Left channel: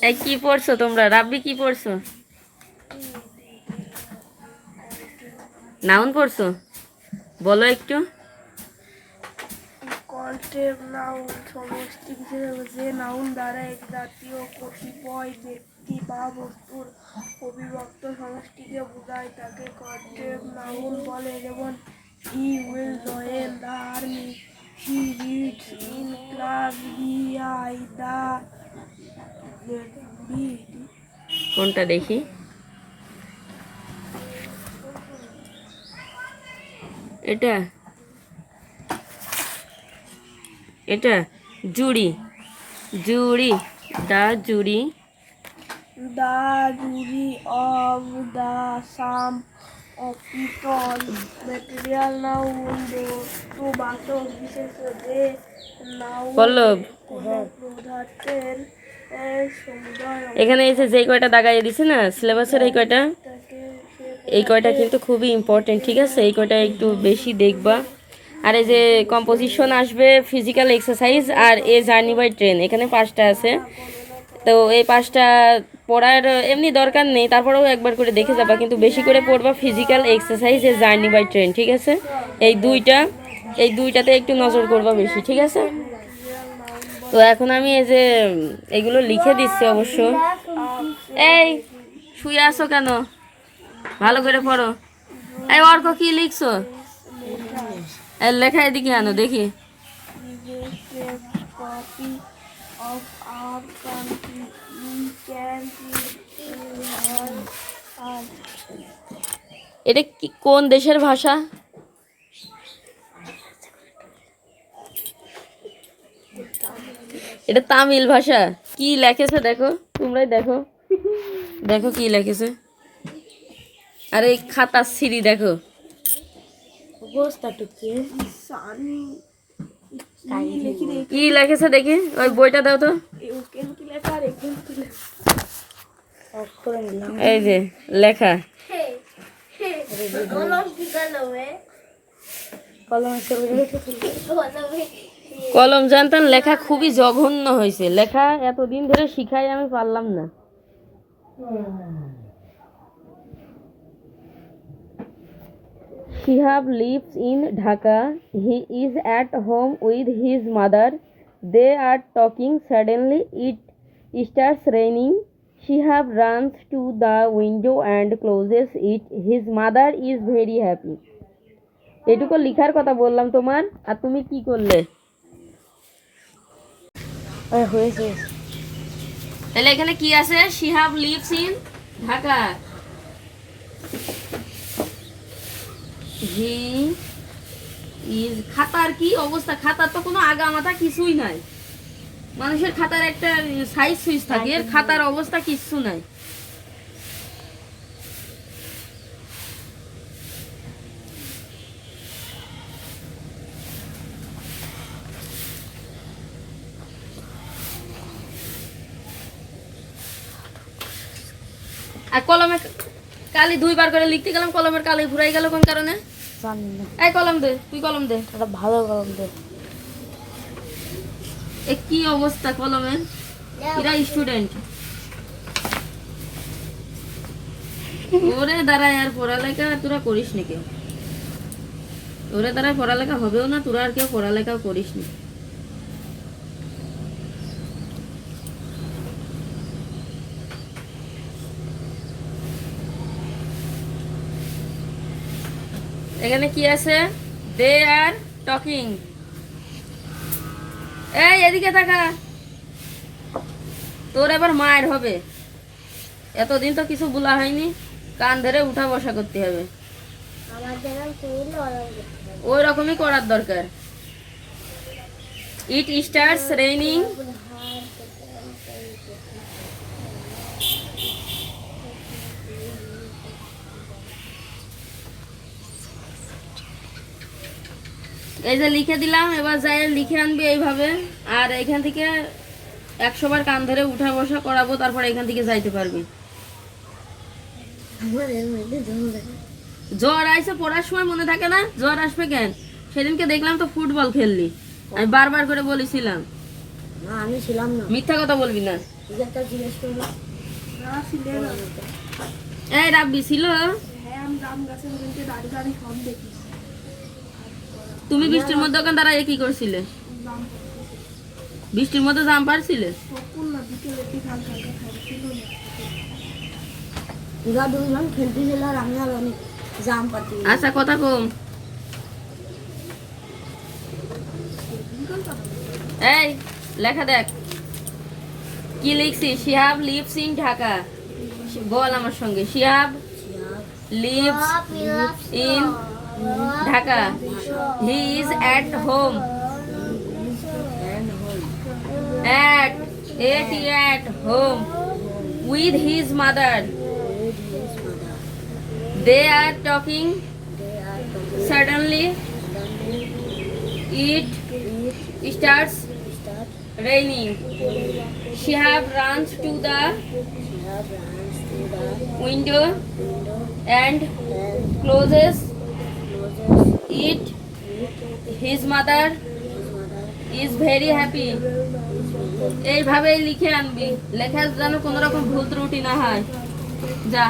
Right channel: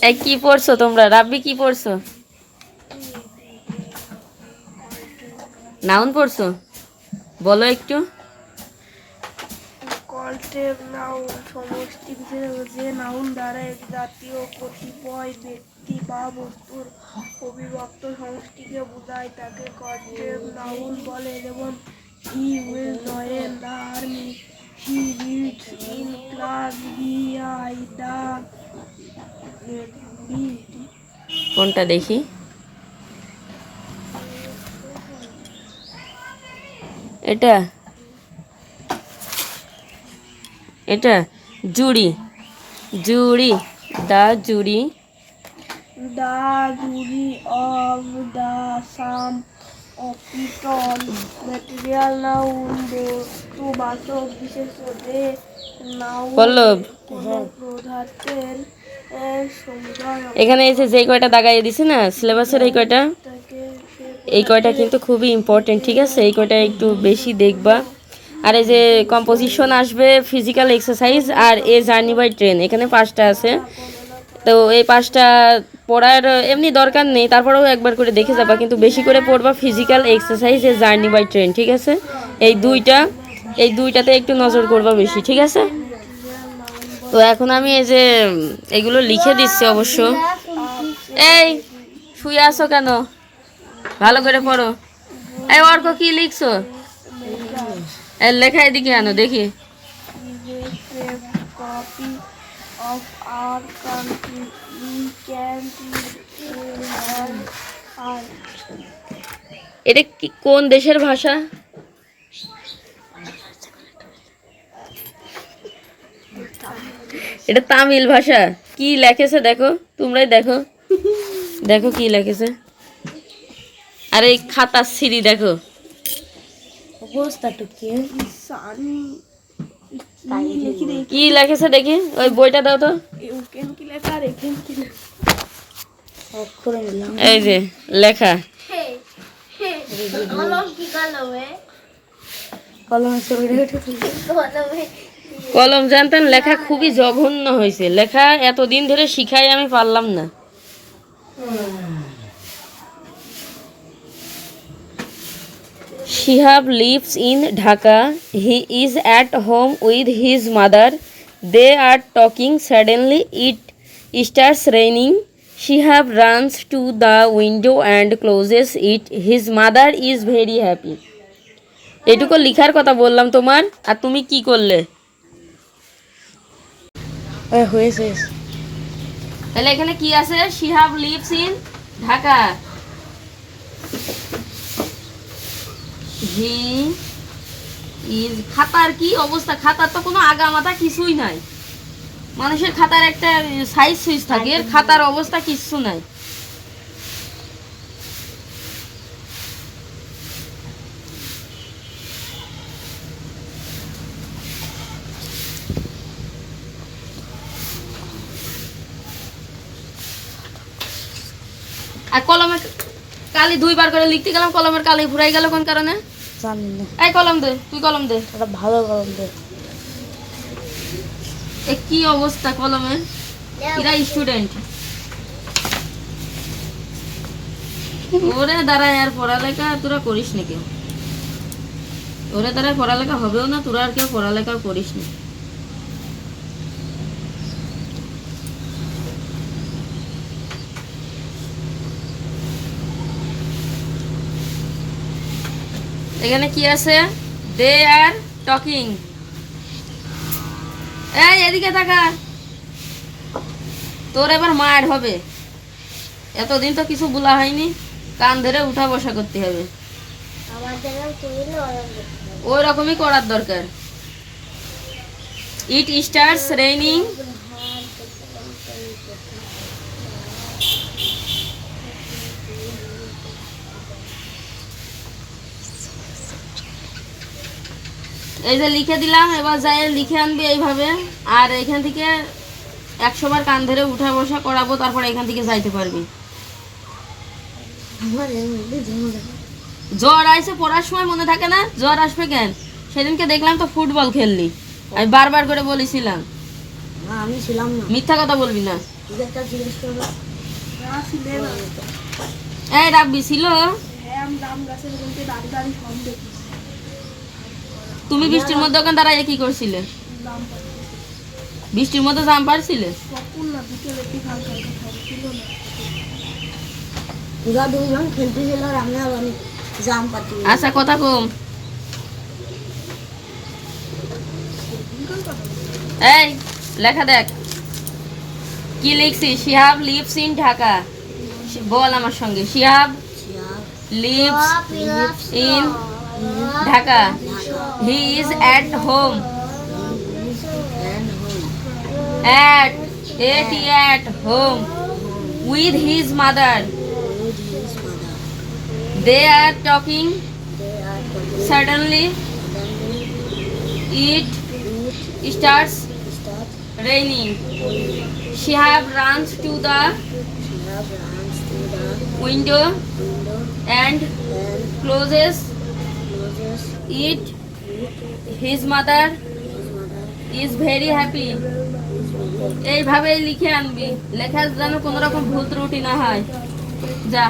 এই কি পড়ছো তোমরা রাব্বি কি পড়ছো নাউন পড়ছো বলো একটু যে নাউন দ্বারা এক জাতীয় কতিপয় ব্যক্তি বা বস্তুর অবিভক্ত সমষ্টিকে বোঝায় তাকে কল্টের নাউন বলে যেমন he will join the army he reads in class he I the কোনটা দেখি? এটা। এটা জুড়ি। জুড়ি the jury. The jury of the some of people material noun বস্তু বাচক বিশেষ পল্লব। কোনো পদার্থের এর সমুদয় এখানে এসে যেই কয়টা দাগাইয়ে দিছে না সিলেবাসের এই কয়টা? এই কয়টা কিন্তু খুবই ইম্পর্টেন্ট ঠিক আছে? এই কয়টা একটু বেশি দেখবা। আর এই যে কম্পোজিশন আসবে ফিজিক্যাল এক্সারসাইজ আর এ জার্নি বাই ট্রেন এখানে পাঁচটা আছে। তো এই পাঁচটা পড়ার এমনি দরকার নেই, তারপরেও একবার করে দেখে যাবা, কিন্তু বেশি করে পড়বা physical exercise a journey by train ঠিক আছে? এই দুইটা, এই দুইটাতে একটু নজর করবা বেশি, ঠিক আছে? তো এখন আমি এই যে এগুলো লিখে দিচ্ছি অবশ্য। এই, শুয়ে আসো কেন? ভালো করে পড়ো। এই অর্ক, কি লিখছো? লেখা এদিকে আনো, দেখি। এটা কি, কোন দেশের ভাষা? এটা তামিল ভাষা। কি লেখেছে দেখো, তোমরাই দেখো। দেখো কি লেখেছে। আর এই খাতা সিঁড়ি দেখো। কি লেখেছে দেখি, ওই বইটা দাও তো। এই যে, লেখা। কলম কলম জানতেন, লেখা খুবই জঘন্য হয়েছে। লেখা এতদিন ধরে শিখাই আমি পারলাম না। She have lives in Dhaka he is at home with his mother they are talking suddenly it starts raining she have runs to the window and closes it his mother is very happy এটুকু লিখার কথা বললাম তোমার, আর তুমি কি করলে? হয়েছে তাহলে এখানে কি আছে? Shihab lives in Dhaka. He is খাতার কি অবস্থা? খাতার তো কোনো আগা মাথা কিছুই নাই। মানুষের খাতার একটা সাইজ সুইজ থাকে এর খাতার অবস্থা কিছু নাই। আর কলমে কালি দুইবার করে লিখতে গেলাম কলমের কালি ফুরাই গেল কোন কারণে? জানি না। এই কলম দে তুই কলম দে। এটা ভালো গরম দে। এ কি অবস্থা কলমের এরা স্টুডেন্ট ওরে দাঁড়ায় আর পড়ালেখা তোরা করিস না কেউ? ওরে দ্বারাই পড়ালেখা হবেও না তোরা আর কেউ পড়ালেখাও করিস না এখানে কি আছে? দে আর টকিং এই, এদিকে থাকা। তোর এবার মার হবে। এতদিন তো কিছু বলা হয়নি। কান ধরে উঠা বসা করতে হবে। ওই রকমই করার দরকার। ইট স্টার্স রেইনিং এই যে লিখে দিলাম এবার যাই লিখে আনবে এইভাবে। আর এখান থেকে একশো বার কান ধরে উঠা বসা করাবো তারপর এখান থেকে যাইতে পারবি। জ্বর আইসে পড়ার সময় মনে থাকে না? জ্বর আসবে কেন? সেদিনকে দেখলাম তো ফুটবল খেললি। আমি বারবার করে বলেছিলাম। আমি ছিলাম না। মিথ্যা কথা বলবি না। তুই একটা জিজ্ঞেস করো। না ছিলে না। এই রাব্বি ছিল? হ্যাঁ আমি রাম গাছের ওখানকে দাঁড়িয়ে দাঁড়িয়ে সব দেখি। তুমি বৃষ্টির মধ্যে ওখানে দাঁড়াইয়ে কি করছিলে? বৃষ্টির মধ্যে জাম পারছিলে ছিল আর আমি আর অনেক জাম পাতি আচ্ছা কথা কম। এই লেখা দেখ। কি লিখছি শিহাব লিভস ইন ঢাকা। বল আমার সঙ্গে। Shihab lives in Dhaka he is at home at at at home with his mother they are talking suddenly it starts raining shihab runs to the window and closes it his mother is very happy. এইভাবে লিখে আনবি। লেখা যেন কোনো রকম ভুল ত্রুটি না হয়। যা।